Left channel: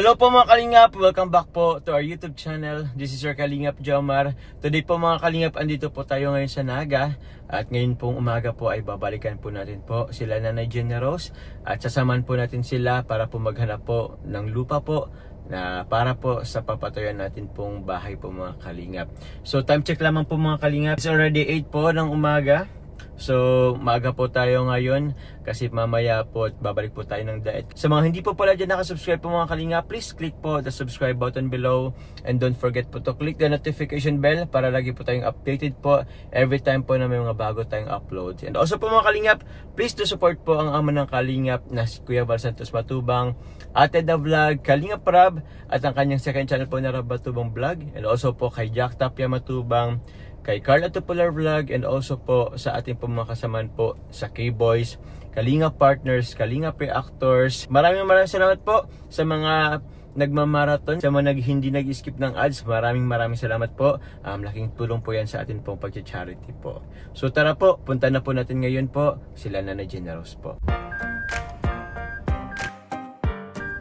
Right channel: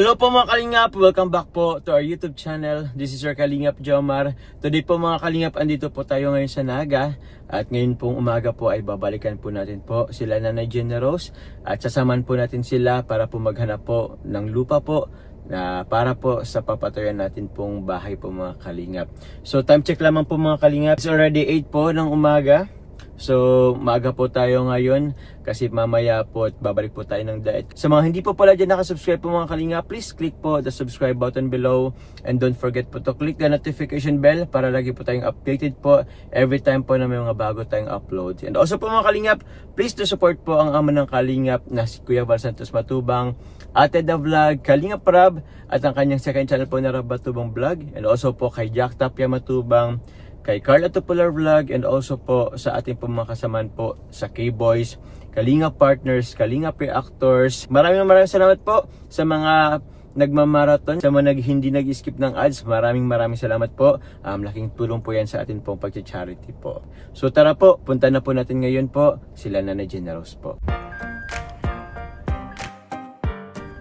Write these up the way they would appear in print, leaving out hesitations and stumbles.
Hello po mga Kalingap, welcome back po to our YouTube channel. This is your Kalingap Jomar. Today po mga Kalingap, andito po tayo ngayon sa Naga. At ngayon pong umaga po ay babalikan po natin po sila Nanay Generous. At sasamahan po natin sila para po maghanap po ng lupa po na para po sa papatayan natin pong bahay po mga Kalingap. So time check lamang po mga Kalingap. It's already 8 po ng umaga. So, maaga po tayo ngayon kasi mamaya po at babalik po tayo ng diet. Sa mga hindi po pala dyan nakasubscribe po mga Kalinga, please click po the subscribe button below and don't forget po to click the notification bell para lagi po tayong updated po every time po na may mga bago tayong uploads. And also po mga Kalingap, please to support po ang ama ng Kalingap na si Kuya Val Santos Matubang, Ate Da Vlog, Kalingap Rab at ang kanyang second channel po na Rab Matubang Vlog, and also po kay Jack Tapia Matubang, kay Carla Tupular Vlog, and also po sa ating po mga kasamaan po sa K-Boys, Kalingap Partners, Kalingap Reactors. Maraming salamat po sa mga nagmamarathon, sa mga hindi nag-skip ng ads. Maraming salamat po. Laking tulong po yan sa atin pong pag-charity po. So tara po, punta na po natin ngayon po sila Nanay Generous po.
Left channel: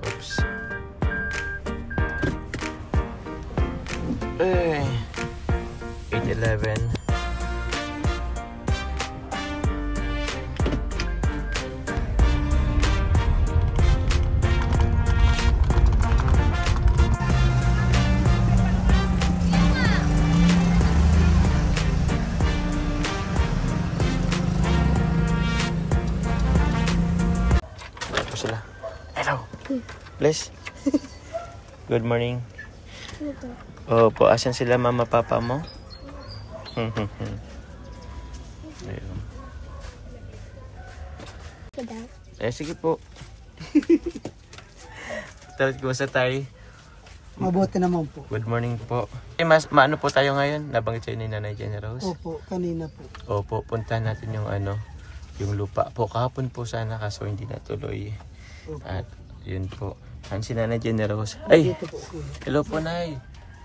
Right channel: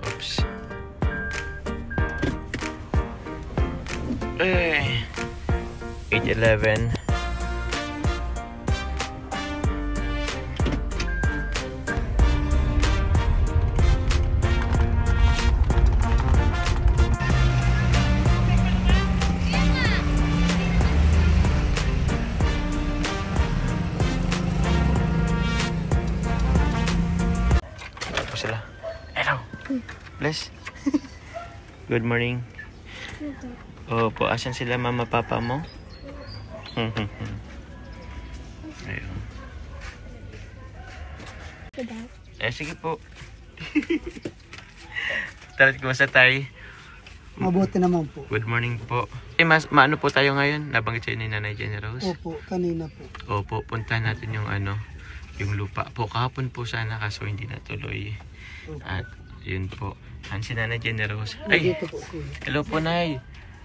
Oops. 8:11. Tapos sila. Hello. Bless. Good morning. Opo, asan sila mama papa mo? Ayun. Sige po. Tara, kumusta tayo? Mabuti naman po. Good morning po. Maano po tayo ngayon? Nabanggit sa'yo ni Nanay Generous? Opo, kanina po. Opo, punta natin yung yung lupa po. Kahapon po sana kaso hindi natuloy. Opo. At yun po. Saan si Nanay Generous? Ay! Dito po, kuya. Hello po, Nay.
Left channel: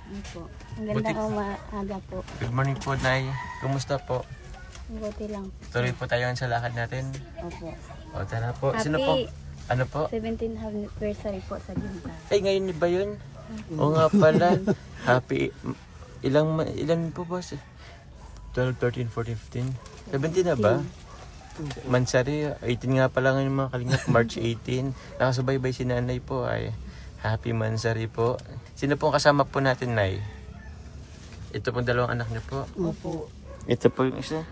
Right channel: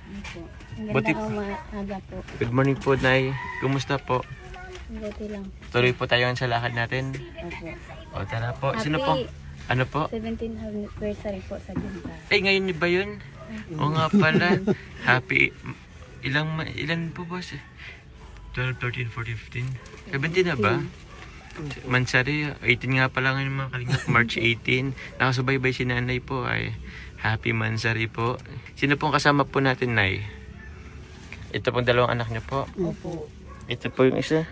Opo. Ang ganda umaga po. Good morning po, Nay. Kumusta po? Buti lang. Tuloy po tayo sa lakad natin. Opo. O, tara po. Sino po? Ano po? 17th anniversary po sa Ginta. Ay, ngayon ba yun? Oo nga pala. Happy. Ilan po ba? 12, 13, 14, 15? 17 na ba? Mansari. 18 nga pala ngayon mga Kalingap. March 18. Nakasubaybay si Nanay po. Ay, happy Mansari po. Sino pong kasama po natin, Nay? Ito pong dalawang anak niyo po. Opo. Ito po yung isa.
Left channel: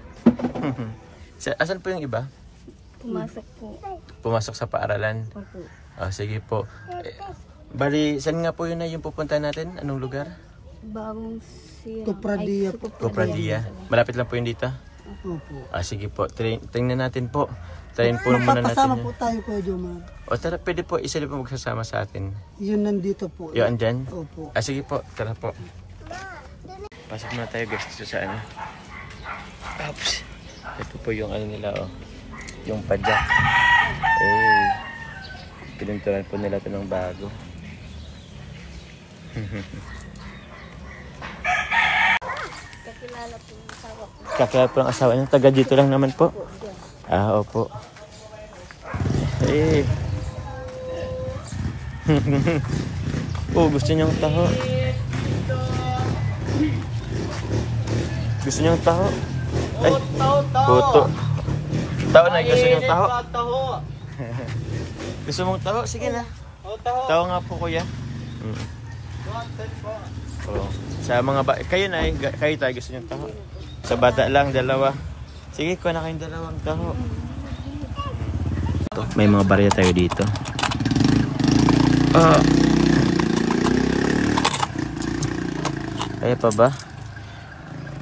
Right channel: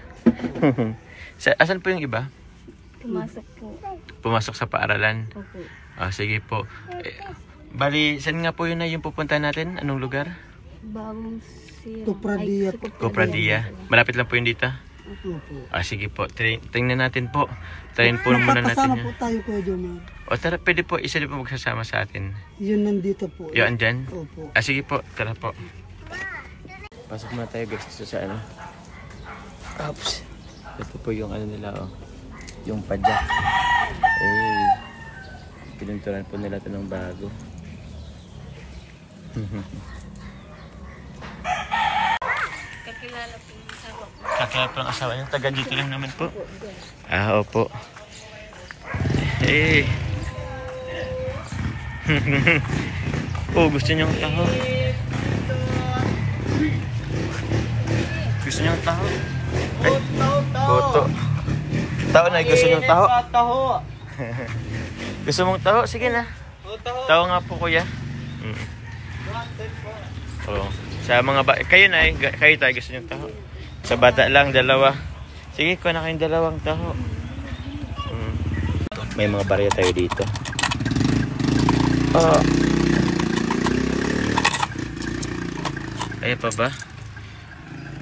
Asan po yung iba? Pumasok po. Pumasok sa paaralan. Opo. Sige po. Bali, saan nga po yun na yung pupunta natin? Anong lugar? Bagong siya. Kupradia. Kupradia. Malapit lang po yun dito? Opo. Sige po. Tingnan natin po. Try po muna natin Magpapasama yun. po tayo, Kuya Jomar. O tara, pwede po. Isa din po magsasama sa atin. Yun nandito po. Yun, andyan? Opo. Sige po. Tara po. Pasok muna tayo guys dito sa Oops. Ito po yung nila yung padyak. Pininturan po nila ito ng bago. Kakilala po ang asawa niya. Taga dito lang naman po. Opo. Gusto niyong taho. Gusto niyong taho. Ay, puto. Taho na, gusto niyong taho. Gusto mong taho? Sige na. Taho nga po, kuya. Sa mga kayo na kayo tayo gusto niyong taho. Sa bata lang, dalawa. Sige, kuha na kayong dalawang taho. May mga barya tayo dito. Kaya pa ba?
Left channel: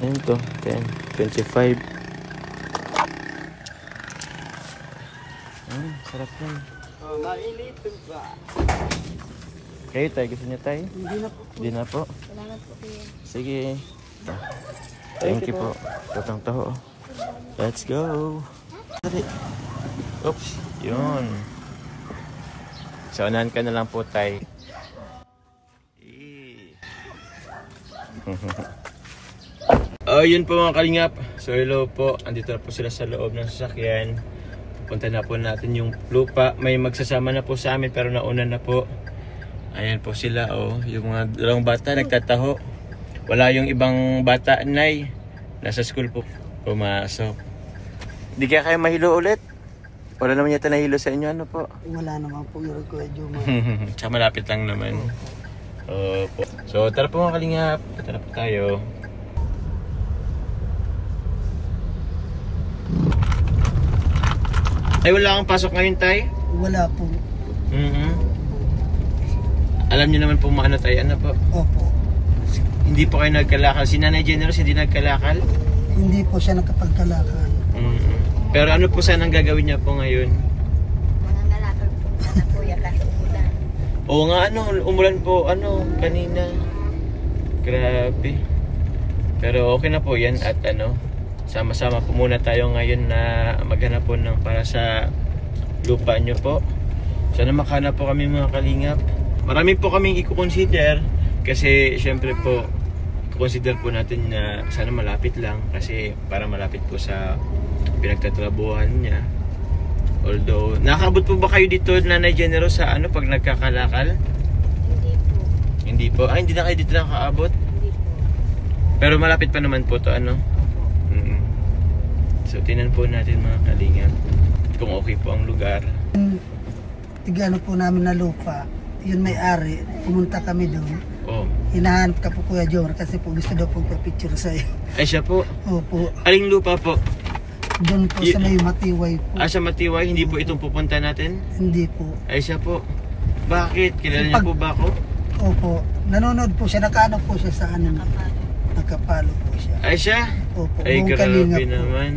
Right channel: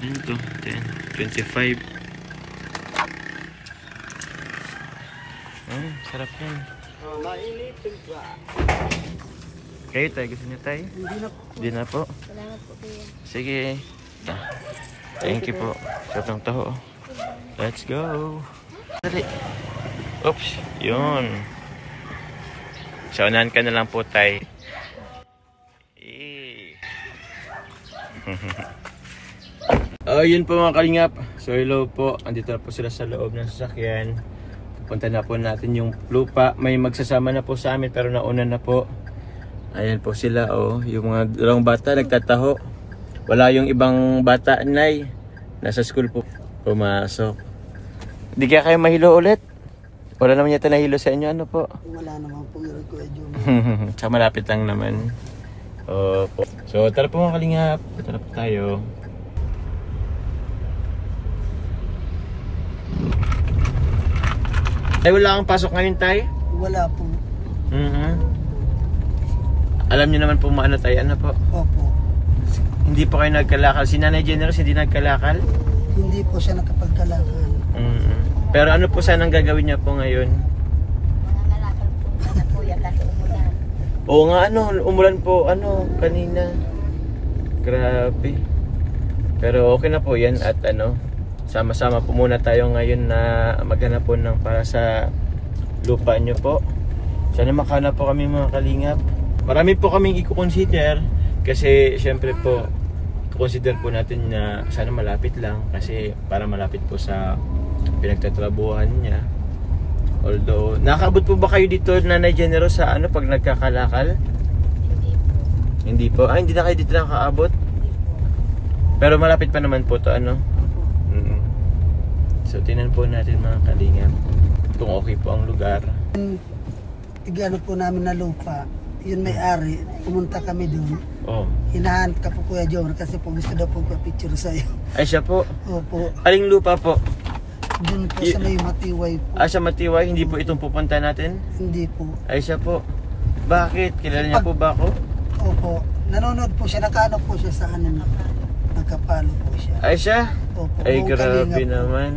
Ayun to, 10, 25. Sarap yan. Mainipin pa. Kayo tayo, gusto niyo tayo? Hindi na po. Salamat po kuya. Sige. Thank you po. Sarap ng taho. Let's go. Dali. Oops. Yun. Saunahan ka na lang po tayo. Yun po mga Kalingap. So hello po. Andito na po sila sa loob ng sasakyan. Punta na po natin yung lupa. May magsasama na po sa amin pero nauna na po. Ayan po sila, oh. Yung mga dalawang bata nagtataho. Wala yung ibang bata, Nay. Nasa school po. Pumasok. Hindi kaya kayo mahilo ulit? Wala naman yata nahilo sa inyo, ano po? Wala naman po yung Kuya Jomar. Tsaka malapit lang naman. Opo. So, tara po mga kalingap. Tara po tayo. Ay, wala kang pasok ngayon, Tay? Wala po. Alam niyo naman po maano tayo, ano po? Opo. Hindi po kayo nagkalakal. Si Nanay Generous hindi nagkalakal? Hindi po siya nakapagkalakal. Pero ano po sana ang gagawin niya po ngayon? Mga nalakal po na po yan kasi umulan. Oo nga, ano, umulan po, ano, kanina. Grabe. Pero okay na po yan at ano, sama-sama po muna tayo ngayon na maghanap po ng para sa lupa nyo po. Sana makahanap po kami mga kalingap. Marami po kaming i-consider kasi syempre po consider po natin na sana malapit lang kasi para malapit po sa pinagtatrabuhan niya. Although, nakaabot po ba kayo dito, Nanay Generous, sa ano pag nagkakalakal? Hindi po. Hindi po. Ah, hindi na kayo dito nakaabot? Hindi po. Pero malapit pa naman po to, ano? Opo. So, tinan po natin mga kalingap kung okay po ang lugar. Tigano po namin na lupa. Yun may-ari. Pumunta kami doon. Oh. Hinahanap ka po Kuya Jomar kasi po gusto daw po pa-picture sa'yo. Ay, siya po. Opo. Aling lupa po? Doon po sa may Matiway po. Ah, sa Matiway, hindi po itong pupunta natin? Hindi po. Ay, siya po. Bakit? Kilala niya po ba ako? Opo. Nanonood po siya. Nakaano po siya sa ano. Nagkapalo po siya. Ay, siya? Opo. Ay, Buong grabe Kalingap po. naman.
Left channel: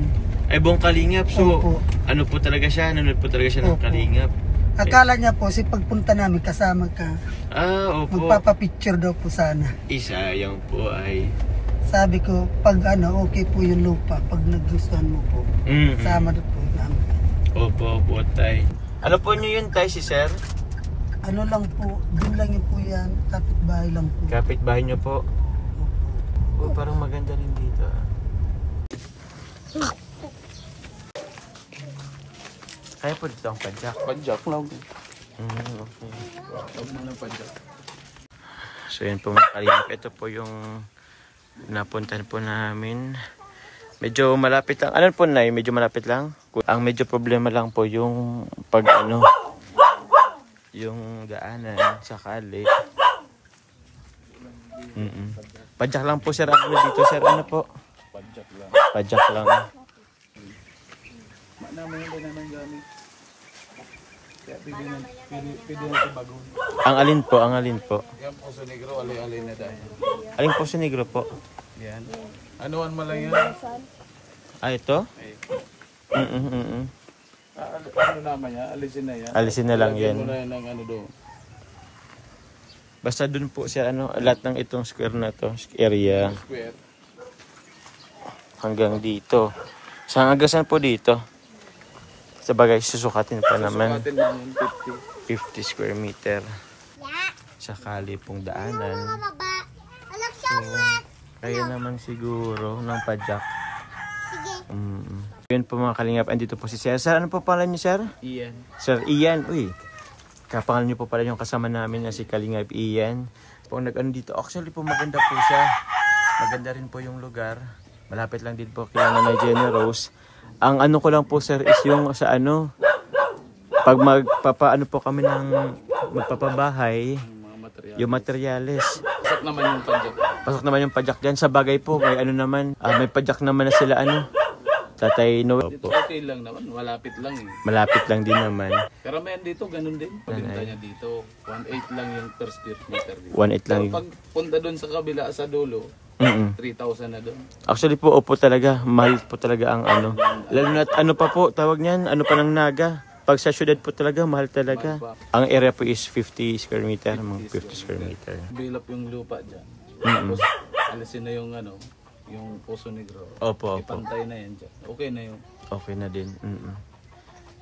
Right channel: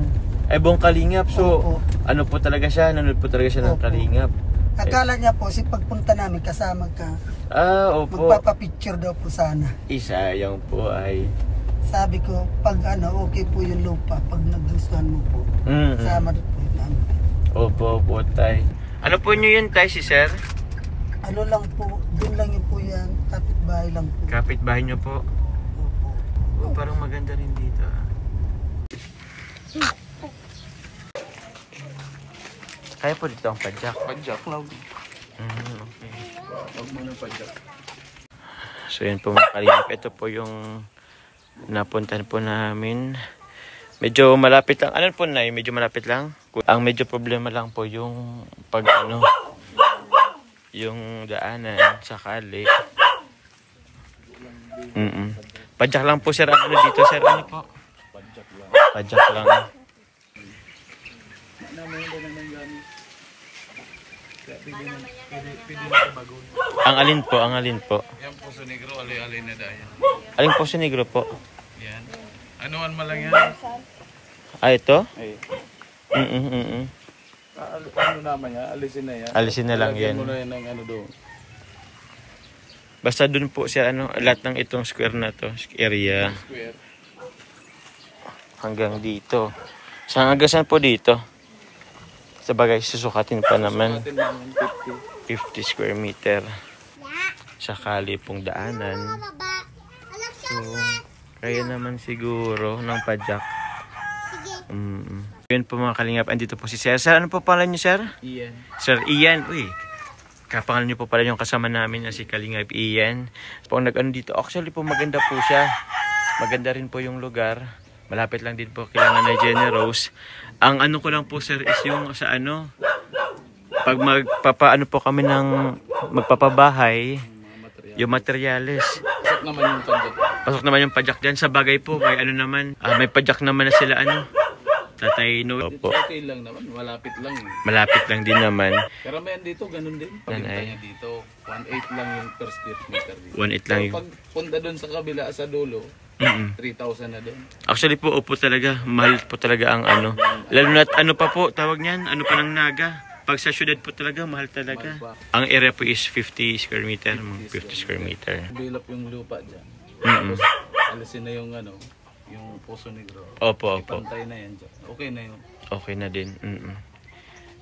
Ay, buong kalingap. So, Opo. ano po talaga siya? Nanonood po talaga siya ng Opo. kalingap. Akala niya po, si pagpunta namin kasama ka, Ah, opo. magpapapicture daw po sana. Isa, yung po ay... Sabi ko, pag ano, okay po yung lupa, pag nagustuhan mo po, sama daw po namin. Opo, opo, tay. Ano po nyo yun, tay, si sir? Ano lang po, dun lang yun po yan, kapitbahay lang po. Kapitbahay nyo po. Opo. Oh, parang maganda rin dito. Kaya po dito ang padjak. Padjak lang. Okay. Huwag mo ng padjak. So yun po mga kalingap. Ito po yung napuntahan po namin. Medyo malapit lang. Ano po na medyo malapit lang? Ang medyo problema lang po yung pag ano, yung daanan sa kali. Padjak lang po sir. Ano dito sir? Ano po? Padjak lang. Padjak lang. Namin yung doon ng gamit. Kaya pwede na bago. Ang alin po? Ang alin po? Yan po sa negro, alay-alay na dahil. Aling po sa negro po? Yan. Anuan mo lang yan. Ah, ito? Ay. Ano naman yan? Alisin na yan. Alisin na lang Lagyan yan. mo na yan ng ano doon. Basta dun po siya ano, lahat ng itong square na to, area. Square. Hanggang dito. Hanggang saan po dito? Sa bagay, susukatin pa naman. Atin naman 50. 50 square meter. Sa kali pong daanan. So, kaya naman siguro ng padjak. Yun po mga kalingap, andito po si Sir. Sir, ano po pala niyo, Sir? Iyan. Sir Ian. Uy, kapangalan niyo po pala yung kasama namin na si Kalingap Ian. Po nag-ano dito. Actually po maganda po siya. Maganda rin po yung lugar. Malapit lang din po kila Nanay Generous. Ang ano ko lang po sir is yung sa ano, pag magpapaano po kami ng magpapabahay, yung materyales. Pasok naman yung padjak. Pasok naman yung padjak dyan. Sa bagay po, may ano naman, may padjak naman na sila ano. Tatay Noel Dito po. okay lang naman, malapit lang eh. Malapit lang din naman. Karamihan dito, ganun din. Pagkintanya dito, 1.8 lang yung per square meter dito. 1.8 lang yung... Pag punta doon sa kabila, sa dulo, 3,000 na doon. Actually po, opo talaga. Mahal po talaga ang ano. Lalo na ano pa po, tawag niyan, ano pa ng naga. Pag sa syudad po talaga, mahal talaga. Ang area po is 50 square meter. 50 square meter. Bilap yung lupa dyan. Tapos, alisin na yung ano, yung Poso Negro. Opo, opo. Ipantay na yan dyan. Okay na yun. Okay na din.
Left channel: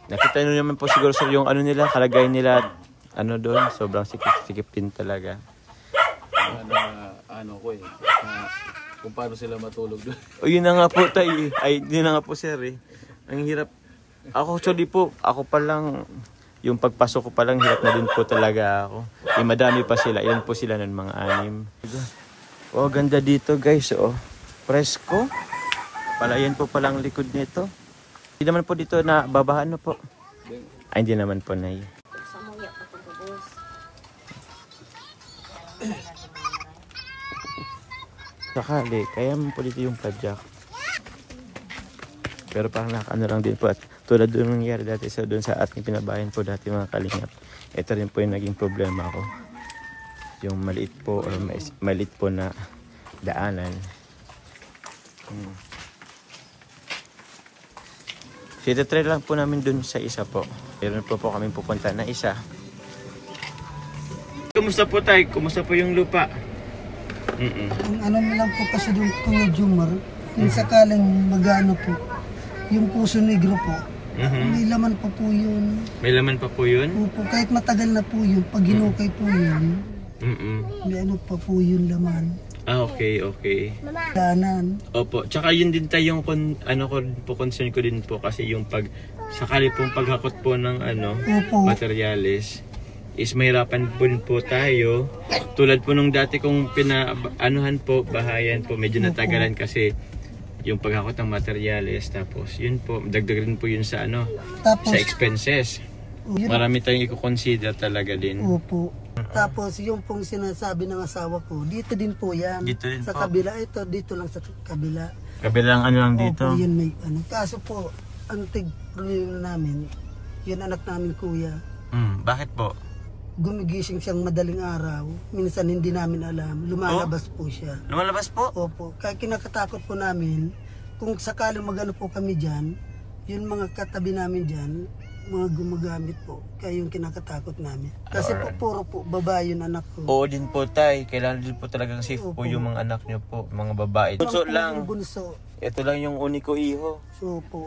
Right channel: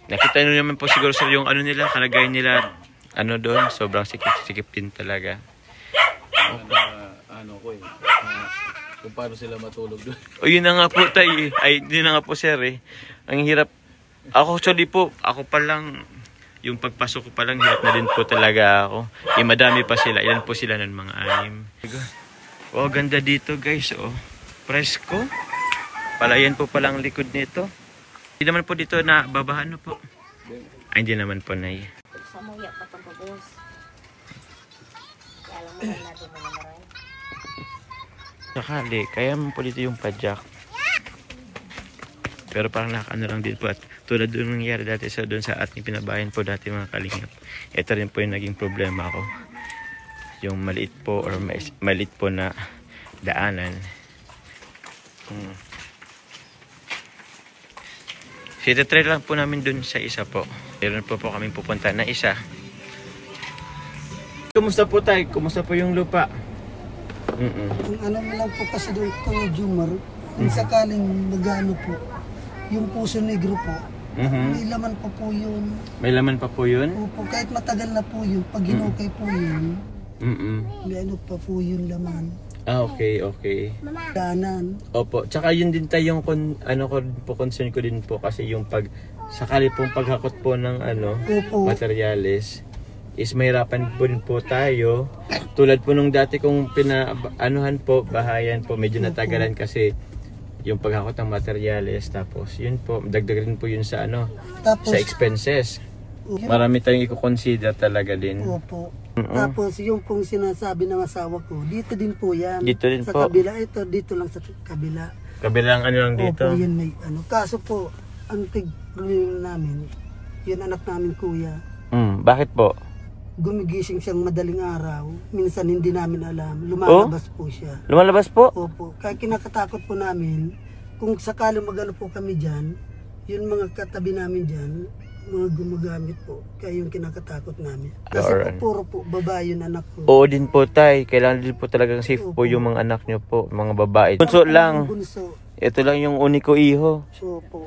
Nakita nyo naman po siguro sir yung ano nila, kalagayan nila, ano doon, sobrang sikip-sikip din talaga. Ano ko eh, kung paano sila matulog doon. O yun na nga po tayo eh. Ay, yun na nga po sir eh. Ang hirap. Ako actually po, ako pa lang, yung pagpasok ko pa lang, hirap na din po talaga ako. Madami pa sila. Ilan po sila nun? Mga 6. Oh, ganda dito guys. Oh, presko. Palayan po palang likod nito. Hindi naman po dito na babahan po. Ay, hindi naman po, Nay. Samuya pa itong babos. Alam mo lang natin mga maray. Sakali, kaya mo po dito yung padjak. Pero parang nakano lang din po. At tulad doon nangyari dati doon sa ating pinabayan po dati mga kalingap. Ito rin po yung naging problema ko. Yung maliit po or maliit po na daanan. So ito try lang po namin doon sa isa po. Meron po kami pupunta na isa. Kumusta po tayo? Kumusta po yung lupa? Kung ano mo lang po kasi doon Kuya Jomar, kung sakaling magano po, yung Puso Negro po, may laman pa po yun. May laman pa po yun? Opo, kahit matagal na po yun, pag hinukay po yun, may ano pa po yun laman. Ah, okay. Danan. Opo, tsaka yun din tayo yung concern ko din po kasi yung sakali pong paghakot po ng Opo. materyales is mahirapan po tayo. Tulad po nung dati kong bahayan po, medyo natagalan kasi yung paghakot ng materyales, tapos yun po, dagdagan po yun sa Tapos, sa expenses. Marami tayong i-consider talaga din. Opo. Tapos yung pong sinasabi ng asawa ko, dito din po yan. Dito din sa po. kabila, ito dito lang sa kabila. Kabilang lang dito. Opo, yan may Kaso po, ang tig-problema namin, yun anak namin kuya. Bakit po? Gumigising siyang madaling araw. Minsan hindi namin alam. Lumalabas po siya. Lumalabas po? Opo. Kaya kinakatakot po namin, kung sakaling magano po kami dyan, yun mga katabi namin dyan, mga gumagamit po. Kaya yung kinakatakot namin. Kasi po, puro po babae yung anak ko. Oo din po tay. Kailangan din po talagang safe po yung mga anak nyo po. Mga babae. Bunso lang. Bunso. Ito lang yung uniko iho. Opo.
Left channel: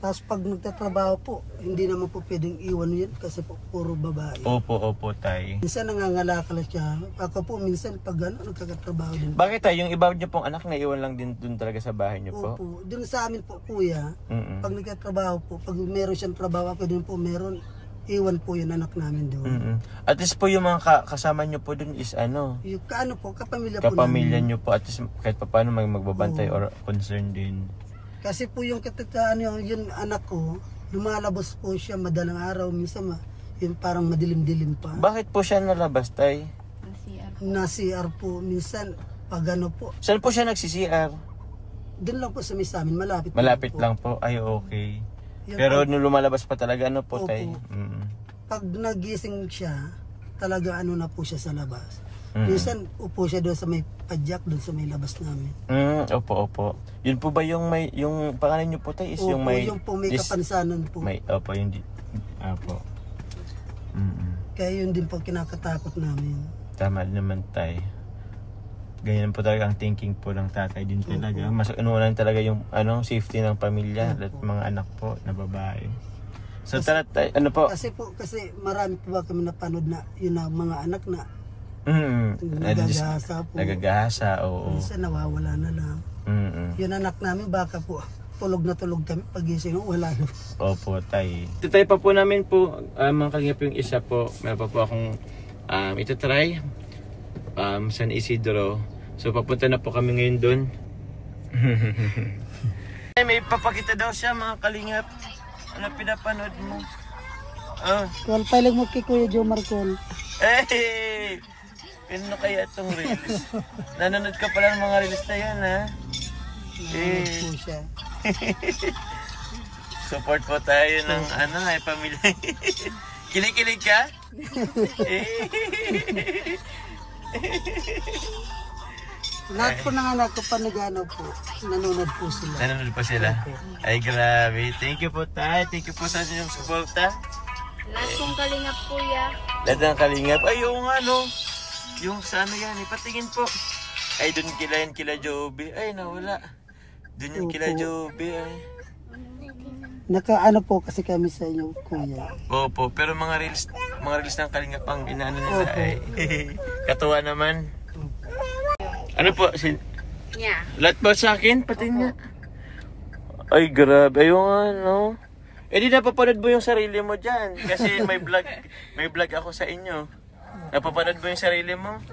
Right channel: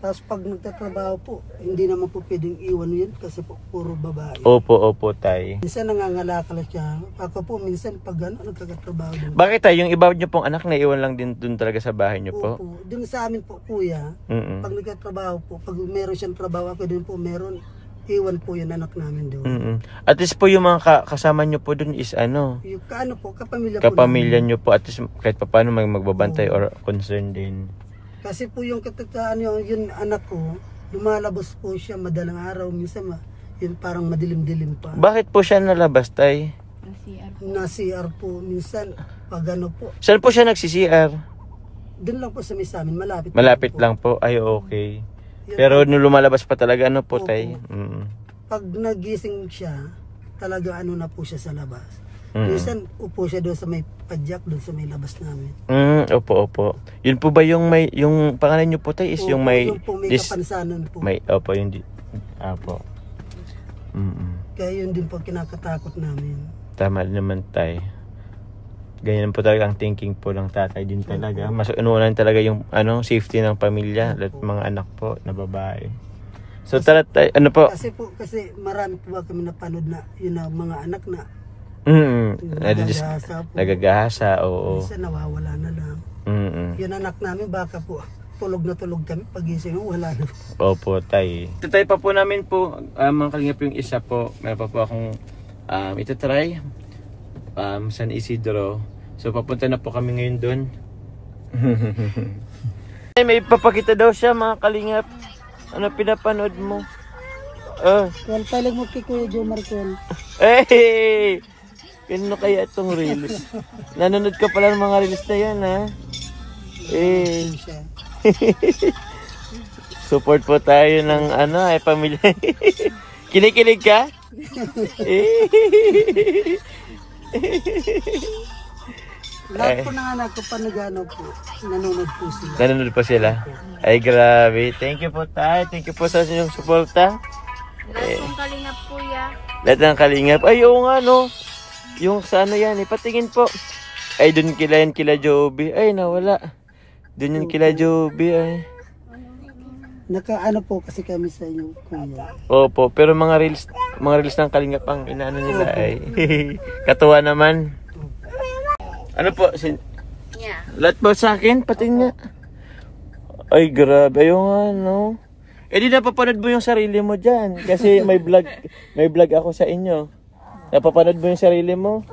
Tapos pag nagtatrabaho po, hindi naman po pwedeng iwan yun kasi po puro babae. Opo tay. Minsan nangangalakala siya. Ako po minsan pag nagkakatrabaho din. Bakit tay? Yung iba nyo pong anak na iwan lang din dun talaga sa bahay nyo po? Opo. Dun sa amin po kuya, pag nagtatrabaho po, pag meron siyang trabaho ako din po meron, iwan po yung anak namin doon. At least po yung mga kasama nyo po dun is Yung po, kapamilya po kapamilya namin. nyo po. At least kahit pa paano magbabantay or concern din. Kasi po yung yung anak ko, lumalabas po siya madalang araw, minsan yun parang madilim-dilim pa. Bakit po siya nalabas tay? Na CR po, minsan pag po. Saan po siya nagsi-CR? Doon lang po sa may amin, malapit. Malapit lang po. Ay okay. Pero nung lumalabas pa talaga po Opo. tay? Pag nagising siya, talaga na po siya sa labas. Minsan upo siya doon sa may padjak, doon sa may labas namin. Opo. Yun po ba yung yung pangalan nyo po tay is Opo, yung may yung po may kapansanan po. Opo, yung Opo. Kaya yun din po kinakatakot namin. Tama naman tay. Ganyan po talaga ang thinking po ng tatay din talaga. Mas inuunan talaga yung safety ng pamilya at mga anak po na babae. So tara tayo, Kasi marami po ba kami napanood na yun ang mga anak na nagagahasa po. Nagagahasa, oo. Minsan nawawala na lang. Yun anak namin baka po tulog na tulog kami pagising wala na. Opo tay. Tatay pa po namin po mga kalingap yung isa po. Meron pa po akong itatry San Isidro. So papunta na po kami ngayon dun. May papakita daw siya mga kalingap. Ano pinapanood mo? Kung palag mo kay Kuya Jomar Col. Hey! Pino kaya itong reels? Nanonood ka pala ng mga reels na yan ha? Support po tayo ng pamilya. Kinikilig ka? Lahat po ng anak ko panagano po, nanonood po sila. Nanonood po sila? Ay grabe. Thank you po tayo. Thank you po sa inyong suporta. Lahat kong kalingap kuya. Lahat ng kalingap. Ay oo nga no. Yung sa yan ipatingin po. Ay dun kila Joby. Ay nawala. Dun yung kila Joby ay. Nakaano po kasi kami sa inyo kuya. Opo, pero mga reels ng kalingap ang inaano nila ay. Katuwa naman. Ano po? Yeah. Lahat ba sa akin? Pati nga. Ay grabe yung Eh di napapanood mo yung sarili mo dyan. Kasi may vlog ako sa inyo. Napapanood mo yung sarili mo?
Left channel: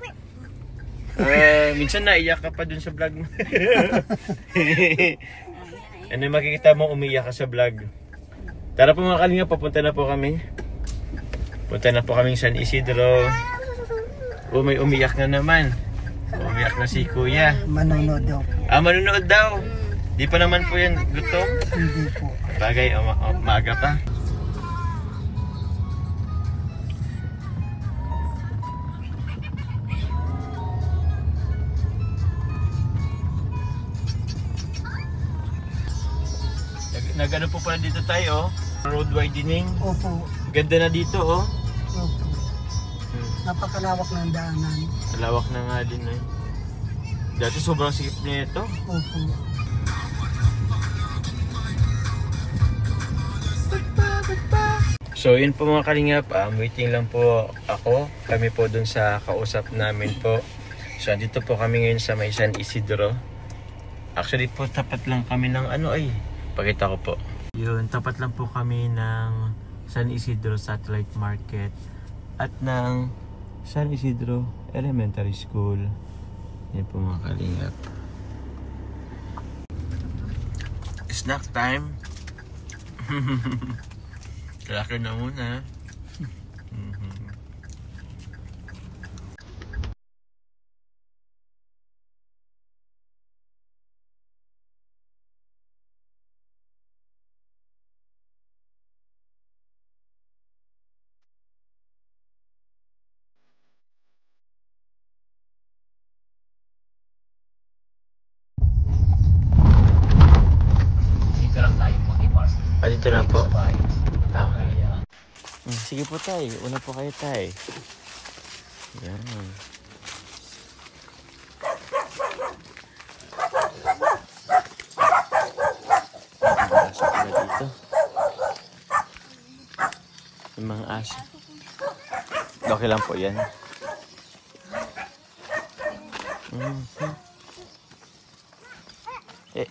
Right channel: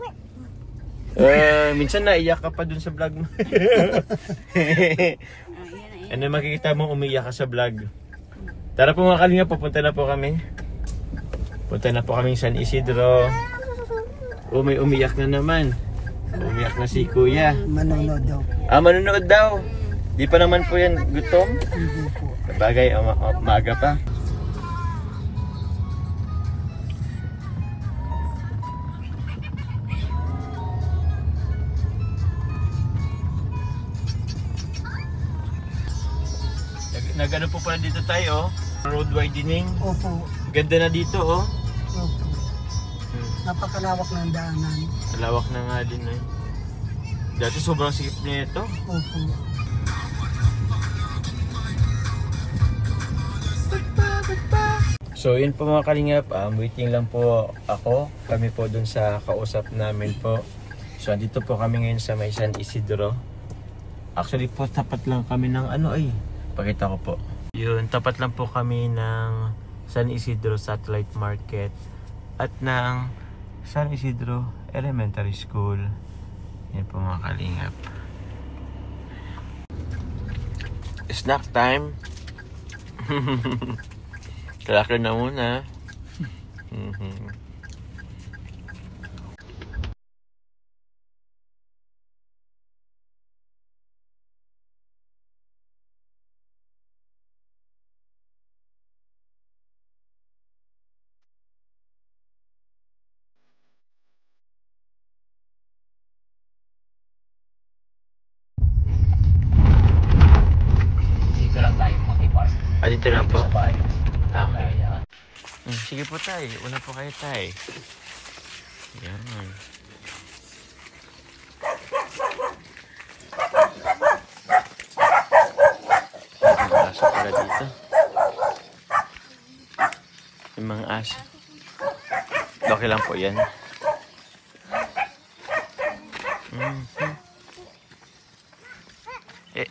Minsan naiyak ka pa dun sa vlog mo. Ano makikita mo umiyak ka sa vlog? Tara po mga kalingap, papunta na po kami. Punta na po kaming San Isidro. May umiyak na naman. Umiyak na si Kuya. Manonood daw. Manonood daw. Di pa naman po yan gutom. Hindi po. Bagay, maaga pa. Nagano po pala dito tayo, road widening. Opo. Ganda na dito, oh. Opo. Napakalawak ng daanan. Lawak na nga din, eh. Dati sobrang sikip niya ito. Opo. So yun po mga kalingap, waiting lang po ako. Kami po dun sa kausap namin po. So andito po kami ngayon sa may San Isidro. Actually po tapat lang kami ng ano ay. Pakita ko po. Yun, tapat lang po kami ng San Isidro Satellite Market at ng San Isidro Elementary School. Yan po mga kalingap. Snack time. Cracker na muna. Dito na po. Okay. Sige po tay. Una po kayo tay. Yan. Pasok pala dito. Yung mga aso. Okay lang po yan. Eh.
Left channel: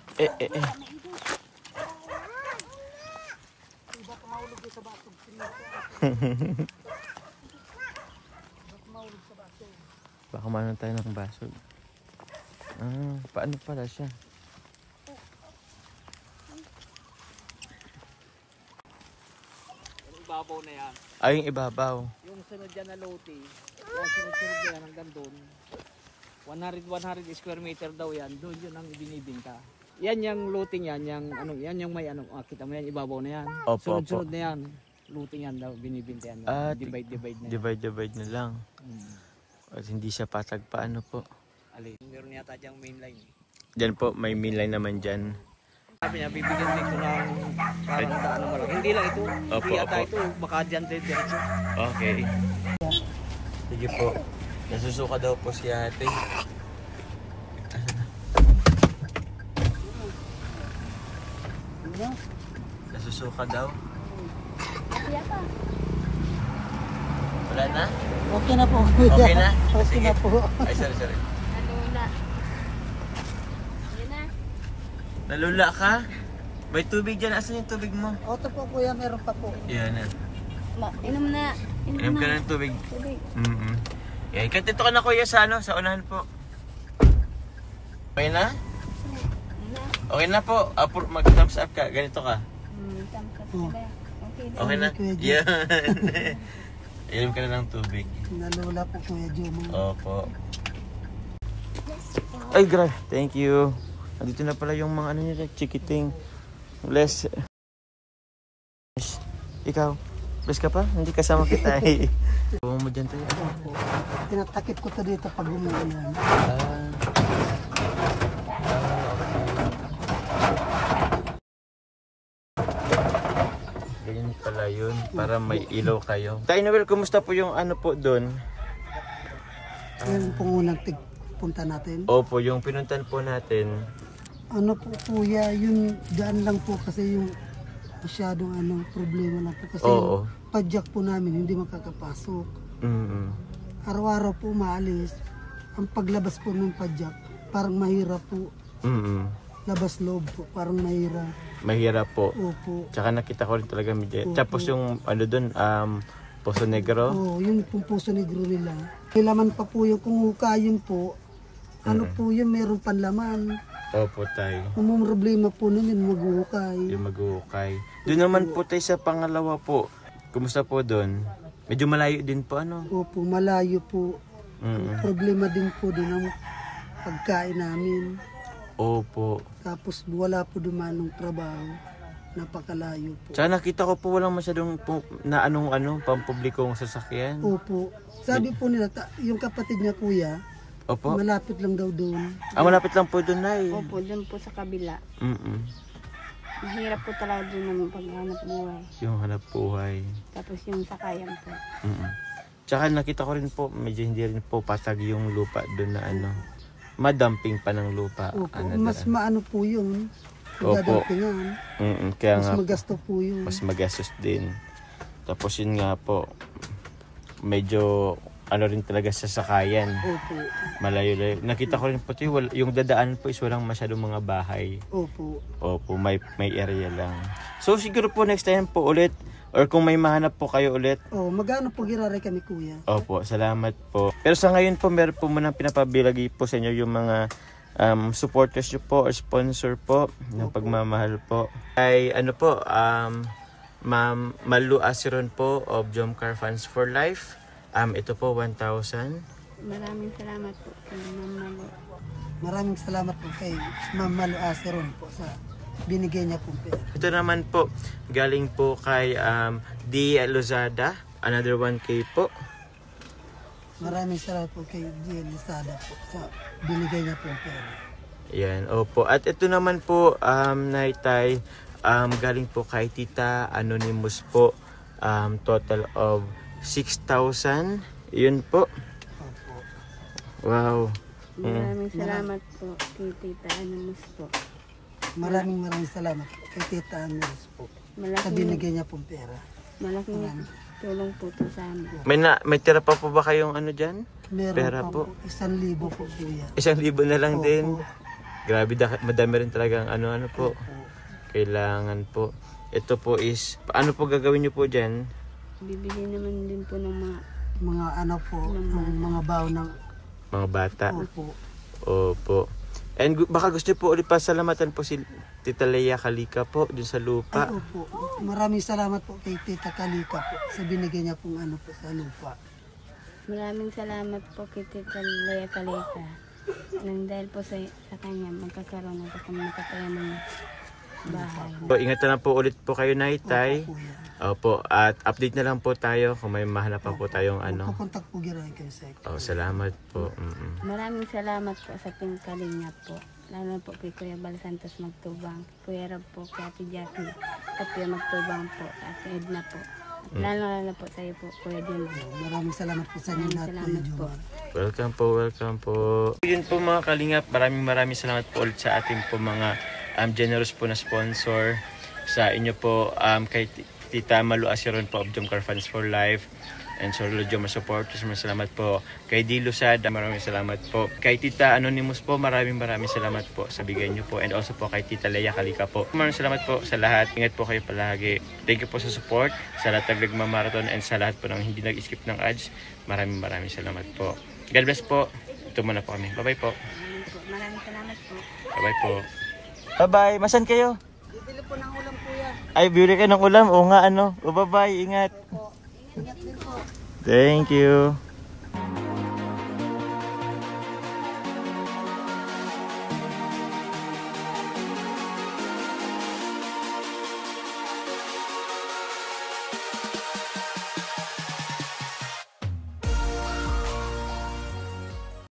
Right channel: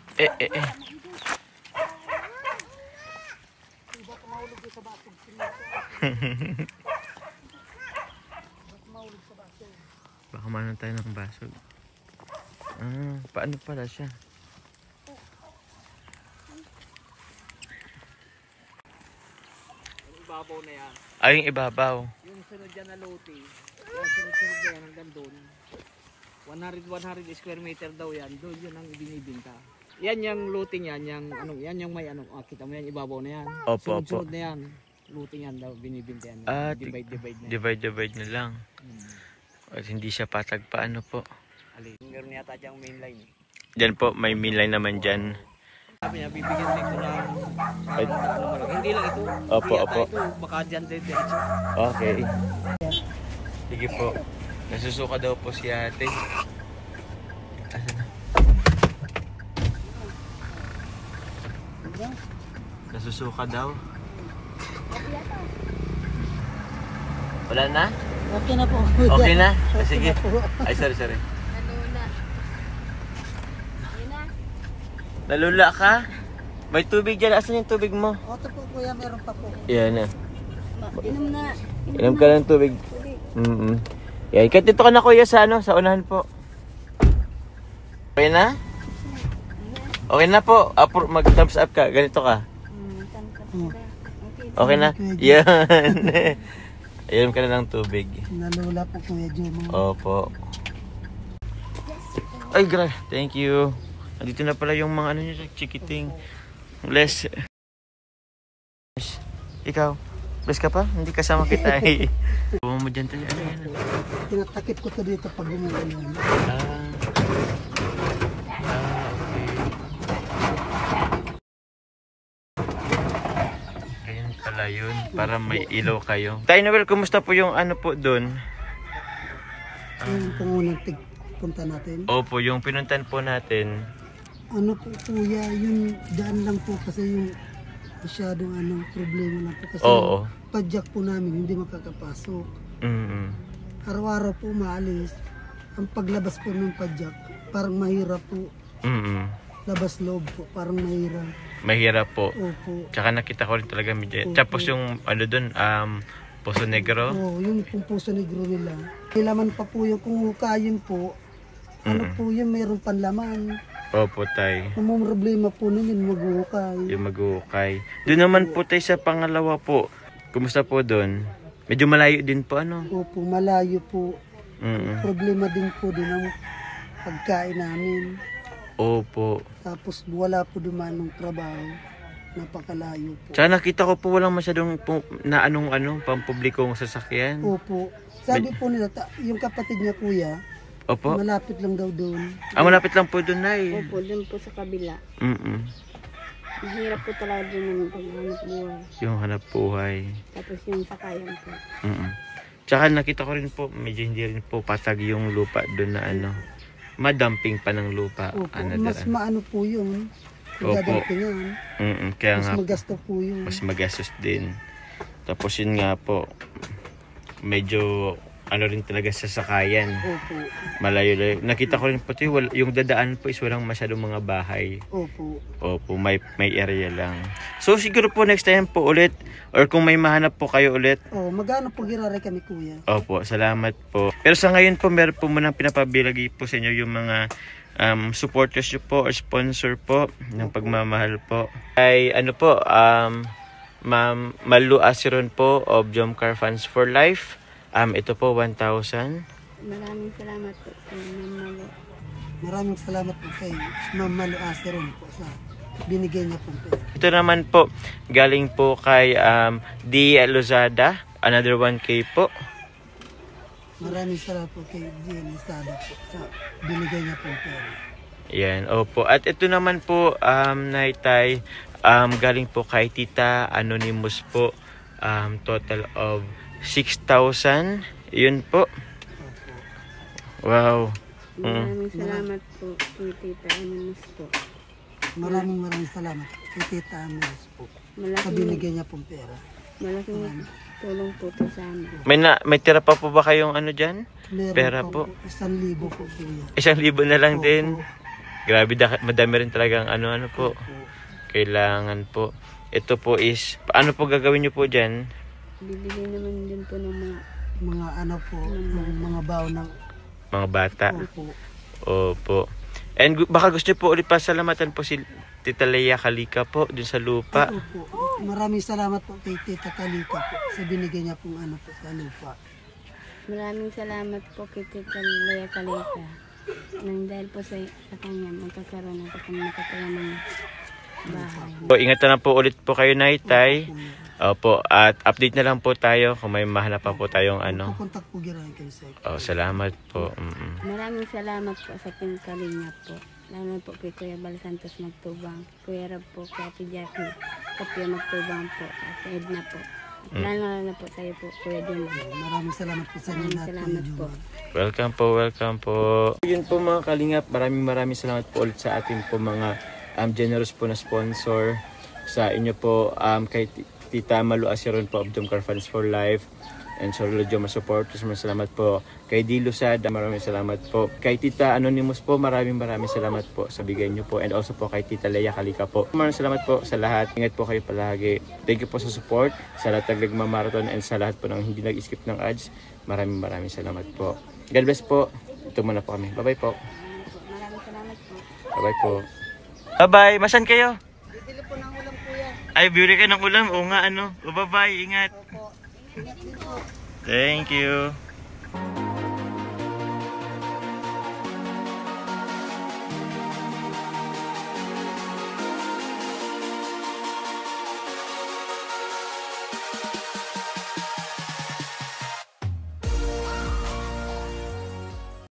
Baka manon tayo ng basog. Paano pala siya? Yung ibabaw na yan. Yung ibabaw. Yung sunod dyan na lote. Yung sunod yan hanggang doon. 100 square meter daw yan. Doon yun ang binibinta. Yan yung looting yan. Yan yung may kita mo yan. Ibabaw na yan. Opo. Sunod na yan. Looting yan daw. Binibinta yan. Divide na. Divide na lang. At hindi siya patag paano po. Alin. Meron yata dyang main line. Diyan po, may main line naman dyan. Sabi niya, bibigyan din ko ng parang daan ng malaki. Hindi lang ito. Opo, Hindi yata opo. ito. Baka dyan diretso. Okay. Sige po. Nasusuka daw po si ate. Nasusuka daw. Wala na? Okay na po. Okay na? Okay Sige. na po. Ay, sorry. Nalula. Yun na. Nalula ka? May tubig dyan. Asan yung tubig mo? Oto po kuya, meron pa po. Yan na. Inom na. Inom ka ng tubig. Tubig. Yan. Kahit dito ka na kuya sa sa unahan po. Okay na? Okay na po. Mag-thumbs up ka. Ganito ka. Okay na? Yan. Inom ka na ng tubig. Nalula po kuya Jomo. Opo. Ay, thank you. Nandito na pala yung mga niya, chikiting. Bless. Ikaw, bless ka pa? Hindi kasama kita eh. Bumo mo dyan tayo. Tinatakip ko to dito pag umuulan. Okay. Ganyan pala yun, para may ilaw kayo. Tayo Noel, kumusta po yung po doon? Yung pungunang punta natin. Opo, yung pinuntan po natin. Ano po kuya, yun daan lang po kasi yung masyadong problema lang po kasi yung padjak po namin hindi makakapasok. Araw-araw po maalis. Ang paglabas po ng padjak parang mahirap po. labas loob po, parang mahirap. Mahirap po. Opo. Tsaka nakita ko rin talaga medyo. Opo. Tapos yung ano doon, Poso Negro. Oo, yung pong Puso Negro nila. Kailaman pa po yung kung hukayin po, ano po yung meron panlaman. Opo, tay. Ang problema po nun yung maghuhukay. Yung mag-uukay. Doon naman po tayo sa pangalawa po. Kumusta po doon? Medyo malayo din po, ano? Opo, malayo po. Problema din po din ang pagkain namin. Opo. Tapos wala po dumanong trabaho. Napakalayo po. Tsaka nakita ko po walang masyadong na pampublikong sasakyan. Opo. Sabi po nila, yung kapatid niya kuya, Opo. malapit lang daw doon. Malapit lang po doon, Nay. Opo, dun po sa kabila. Mahirap po talaga dun naman paghanap buhay. Yung hanap buhay. Tapos yung sakayan po. Tsaka nakita ko rin po, medyo hindi rin po patag yung lupa doon na madamping pa ng lupa. Opo, mas maano po yun. Opo. Yan. Kaya Mas nga magasto po yun. mas magastos din. Tapos yun nga po, medyo rin talaga sa sakayan. Opo. Malayo-layo. Nakita ko rin po yung dadaan po is walang masyadong mga bahay. Opo. Opo, may area lang. So siguro po next time po ulit, or kung may mahanap po kayo ulit. Magano po giraray kami kuya. Opo, salamat po. Pero sa ngayon po, meron po muna pinapabilagi po sa inyo yung mga supporters nyo po or sponsor po ng pagmamahal po. Ay po, Ma'am Malu Asiron po of Jomcar Fans for Life. Ito po 1,000. Maraming salamat po kay Ma'am Malu. Maraming salamat po kay Ma'am Malu Asiron po sa binigay niya po. Ito naman po, galing po kay D. Lozada, another 1K po. Maraming salamat po kay D. Lozada po sa binigay niya po pera. Yan, opo. At ito naman po, Naitay, galing po kay Tita Anonymous po, total of 6,000. Yun po. Opo. Wow. Maraming salamat po kay Tita Anonymous po. Maraming salamat po kay Tita Anonymous po sa binigay niya pong pera. Malaking tulong po to sa amin. May tira pa po ba kayong dyan? Meron Pera po. po. 1,000 po kuya. 1,000 na lang Opo. din. Grabe, madami rin talagang po. Opo. Kailangan po. Ito po is, paano po gagawin nyo po dyan? Bibili naman din po ng mga mga baon ng Mga bata. Opo. Opo. And baka gusto nyo po ulit pasalamatan po si Tita Leia Kalika po dun sa lupa. Opo. Maraming salamat po kay Tita Kalika po sa binigay niya pong po sa lupa. Maraming salamat po kay Tita Leia Kalika. Nang dahil po sa kanya magkakaroon ako kung nakataya ng bahay. So, ingat na po ulit po kayo, Naitay. Opo, at update na lang po tayo kung may mahanap pa po tayong Pupuntak po girahin kayo sa salamat po. Maraming salamat po sa Team Kalingap po. Lalo po kay Kuya Bal Santos Magtubang, Kuya Rab po, kay Ate Jackie, Kapia Magtubang po, Ate Edna po. At lalo po sa iyo po, Kuya Jun. Maraming salamat po sa inyo Maraming lahat, salamat Kuya po. Jun. Welcome po. Yun po mga Kalingap, maraming salamat po ulit sa ating po mga generous po na sponsor. Sa inyo po, kay Tita Malu Asiron po of Jomcar Fans for Life and Sorlo Joma Support. Maraming salamat po. Kay D. Luzada, maraming salamat po. Kay Tita Anonymous po, maraming salamat po sa bigay nyo po. And also po kay Tita Leia Kalika po. Maraming salamat po sa lahat. Ingat po kayo palagi. Thank you po sa support, sa lahat ng nagmamarathon and sa lahat po ng hindi nag-skip ng ads. Maraming salamat po. God bless po. Ito muna po kami. Bye-bye po. Maraming salamat po. Bye-bye po. Bye-bye. Masan kayo? Bibili po ng ulam kuya. Ay, bibili kayo ng ulam. O nga, bye-bye. Ingat. Ingat din po. Thank you.